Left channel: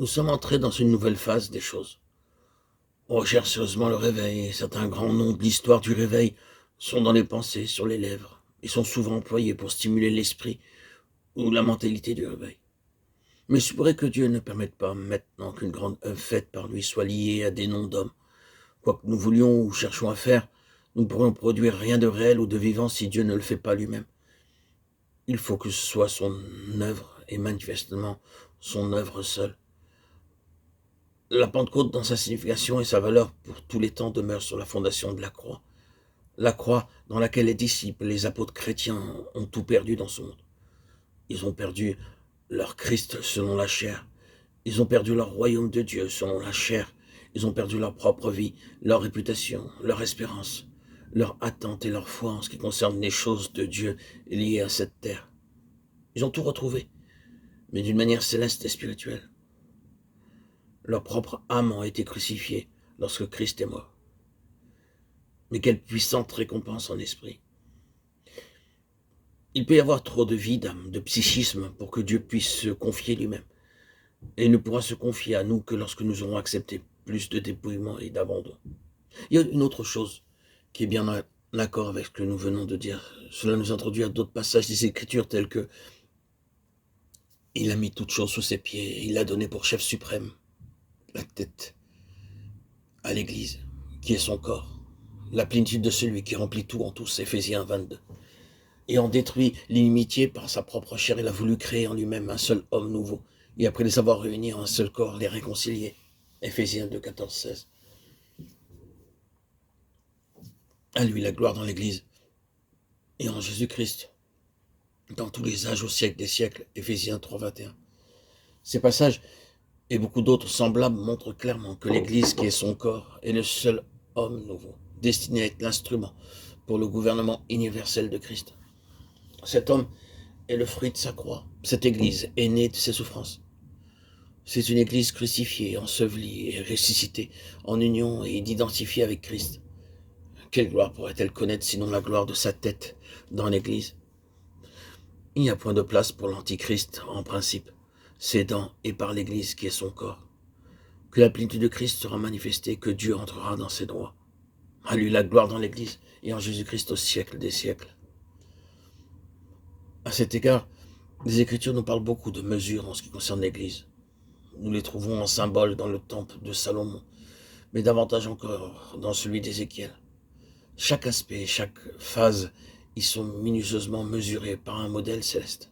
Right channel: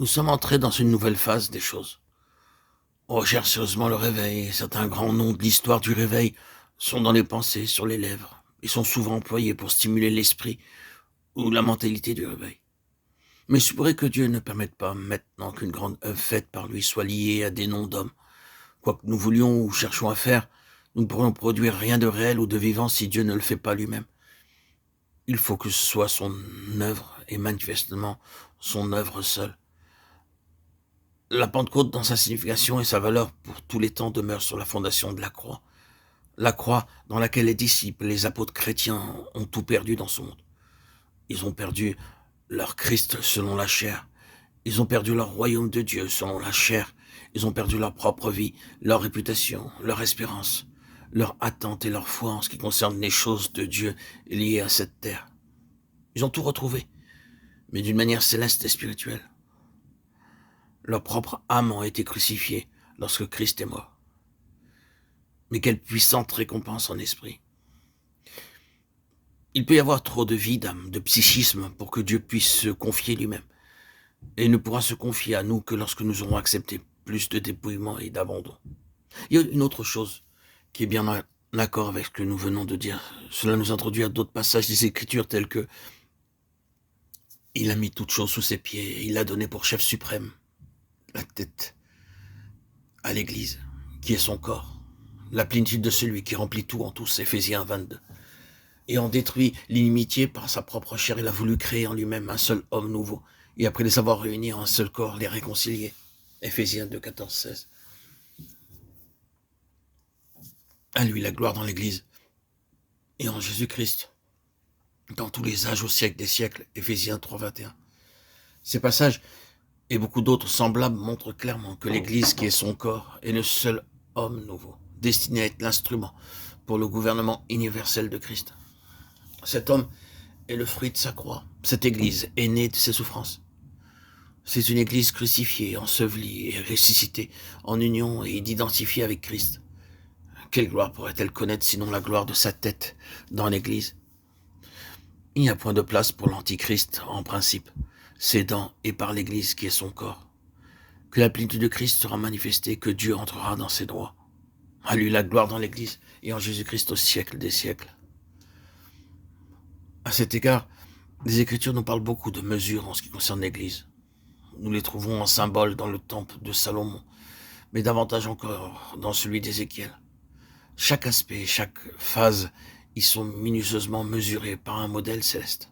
Nous sommes entrés dans une nouvelle phase des choses. On recherche sérieusement le réveil, et certains grands noms de l'histoire du réveil sont dans les pensées, sur les lèvres, et sont souvent employés pour stimuler l'esprit ou la mentalité du réveil. Mais il se pourrait que Dieu ne permette pas maintenant qu'une grande œuvre faite par lui soit liée à des noms d'hommes. Quoi que nous voulions ou cherchions à faire, nous ne pourrions produire rien de réel ou de vivant si Dieu ne le fait pas lui-même. Il faut que ce soit son œuvre, et manifestement son œuvre seule. La Pentecôte, dans sa signification et sa valeur pour tous les temps, demeure sur la fondation de la croix. La croix dans laquelle les disciples, les apôtres chrétiens ont tout perdu dans ce monde. Ils ont perdu leur Christ selon la chair. Ils ont perdu leur royaume de Dieu selon la chair. Ils ont perdu leur propre vie, leur réputation, leur espérance, leur attente et leur foi en ce qui concerne les choses de Dieu liées à cette terre. Ils ont tout retrouvé, mais d'une manière céleste et spirituelle. Leur propre âme a été crucifiée lorsque Christ est mort. Mais quelle puissante récompense en esprit. Il peut y avoir trop de vie d'âme, de psychisme pour que Dieu puisse se confier lui-même. Et il ne pourra se confier à nous que lorsque nous aurons accepté plus de dépouillement et d'abandon. Il y a une autre chose qui est bien en accord avec ce que nous venons de dire. Cela nous introduit à d'autres passages des Écritures tels que il a mis toutes choses sous ses pieds, il a donné pour chef suprême la tête à l'Église, qui est son corps, la plénitude de celui qui remplit tout en tous, Éphésiens 22. Et en détruit l'inimitié par sa propre chair, il a voulu créer en lui-même un seul homme nouveau, et après les avoir réunis en un seul corps, les réconcilier, Éphésiens 2, 14, 16. À lui la gloire dans l'Église, et en Jésus-Christ, dans tous les âges au siècle des siècles, Éphésiens 3, 21. Ces passages et beaucoup d'autres semblables montrent clairement que l'Église, qui est son corps, est le seul homme nouveau, destiné à être l'instrument pour le gouvernement universel de Christ. Cet homme est le fruit de sa croix. Cette Église est née de ses souffrances. C'est une Église crucifiée, ensevelie et ressuscitée, en union et identifiée avec Christ. Quelle gloire pourrait-elle connaître sinon la gloire de sa tête dans l'Église? Il n'y a point de place pour l'Antichrist en principe. C'est dans et par l'Église qui est son corps que la plénitude de Christ sera manifestée, que Dieu entrera dans ses droits. À lui la gloire dans l'Église et en Jésus-Christ au siècle des siècles. À cet égard, les Écritures nous parlent beaucoup de mesures en ce qui concerne l'Église. Nous les trouvons en symbole dans le temple de Salomon, mais davantage encore dans celui d'Ézéchiel. Chaque aspect, chaque phase y sont minutieusement mesurés par un modèle céleste.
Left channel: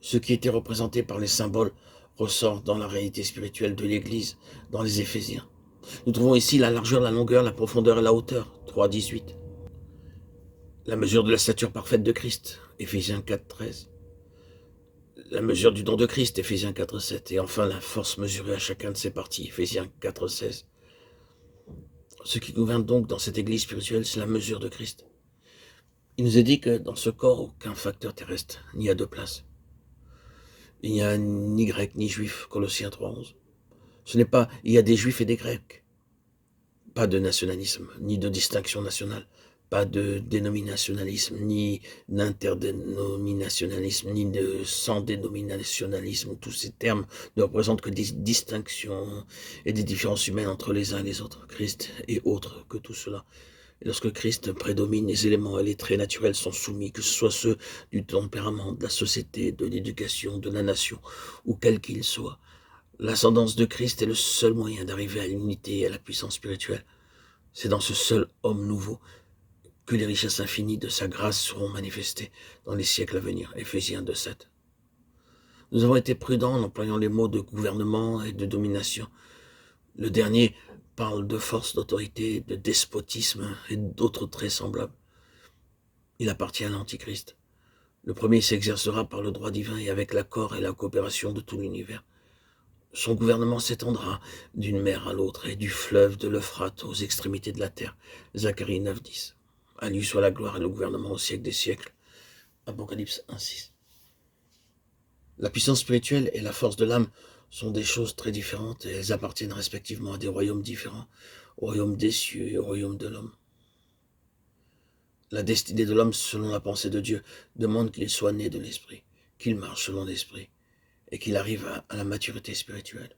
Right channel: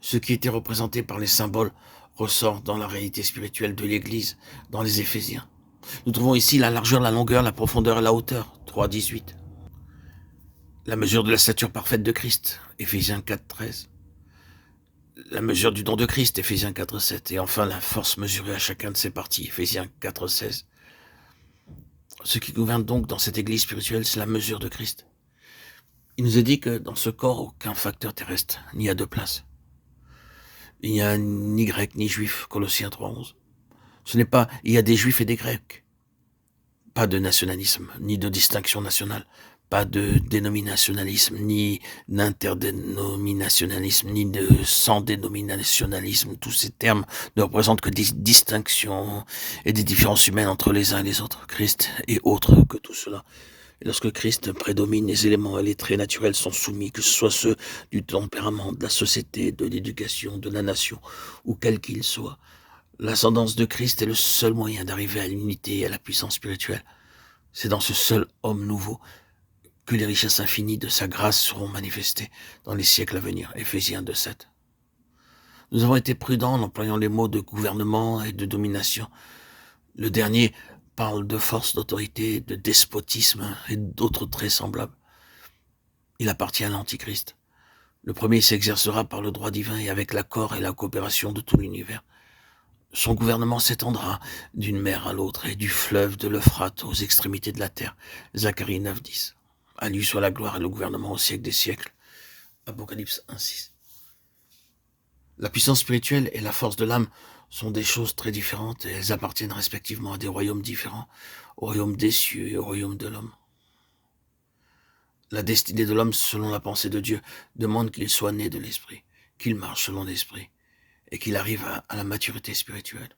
Ce qui était représenté par les symboles ressort dans la réalité spirituelle de l'Église, dans les Éphésiens. Nous trouvons ici la largeur, la longueur, la profondeur et la hauteur, 3,18. La mesure de la stature parfaite de Christ, Éphésiens 4,13. La mesure du don de Christ, Éphésiens 4,7. Et enfin, la force mesurée à chacun de ses parties, Éphésiens 4,16. Ce qui gouverne donc dans cette Église spirituelle, c'est la mesure de Christ. Il nous est dit que dans ce corps, aucun facteur terrestre n'y a de place. Il n'y a ni grec ni juif, Colossiens 3,11. Ce n'est pas, il y a des juifs et des grecs. Pas de nationalisme, ni de distinction nationale. Pas de dénominationalisme, ni d'interdénominationalisme, ni de sans-dénominationalisme. Tous ces termes ne représentent que des distinctions et des différences humaines entre les uns et les autres. Christ est autre que tout cela. Et lorsque Christ prédomine, les éléments et les traits naturels sont soumis, que ce soit ceux du tempérament, de la société, de l'éducation, de la nation, ou quel qu'il soit. L'ascendance de Christ est le seul moyen d'arriver à l'unité et à la puissance spirituelle. C'est dans ce seul homme nouveau que les richesses infinies de sa grâce seront manifestées dans les siècles à venir. Éphésiens 2,7. Nous avons été prudents en employant les mots de gouvernement et de domination. Le dernier parle de force, d'autorité, de despotisme et d'autres traits semblables. Il appartient à l'Antichrist. Le premier s'exercera par le droit divin et avec l'accord et la coopération de tout l'univers. Son gouvernement s'étendra d'une mer à l'autre et du fleuve de l'Euphrate aux extrémités de la terre. Zacharie 9,10. À lui soit la gloire et le gouvernement au siècle des siècles. Apocalypse 1,6. La puissance spirituelle et la force de l'âme sont des choses très différentes et elles appartiennent respectivement à des royaumes différents, au royaume des cieux et au royaume de l'homme. La destinée de l'homme, selon la pensée de Dieu, demande qu'il soit né de l'esprit, qu'il marche selon l'esprit, et qu'il arrive à la maturité spirituelle.